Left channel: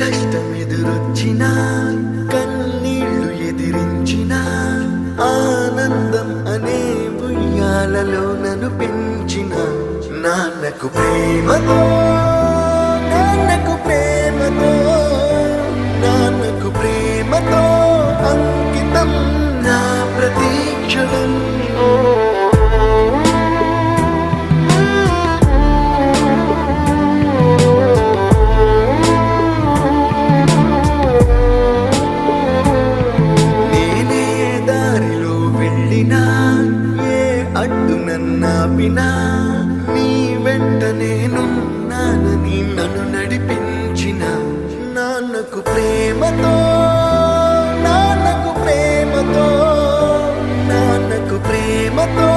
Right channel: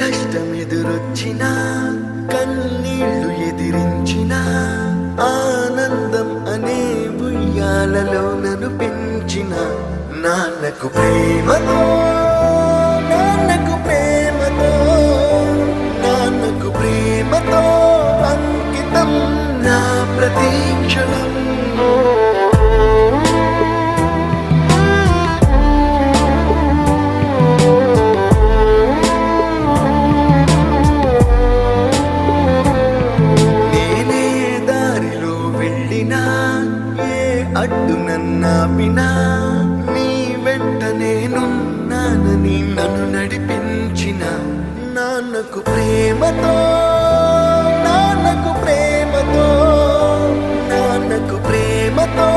కష్టమెదురొచ్చినా కన్నీళ్లు ఎదిరించినా ఆనందం అనే ఉయ్యాలలో నన్ను పెంచిన నాన్నకు ప్రేమతో నాన్నకు ప్రేమతో నాన్నకు ప్రేమతో అంకితం నా ప్రతీక్షణం. నేనే దారిలో వెళ్ళినా ఏ అడ్డు నన్నాపినా నీ వెంట నేనున్నానని నన్ను నడిపించిన నాన్నకు ప్రేమతో నాన్నకు ప్రేమతో నాన్నకు ప్రేమతో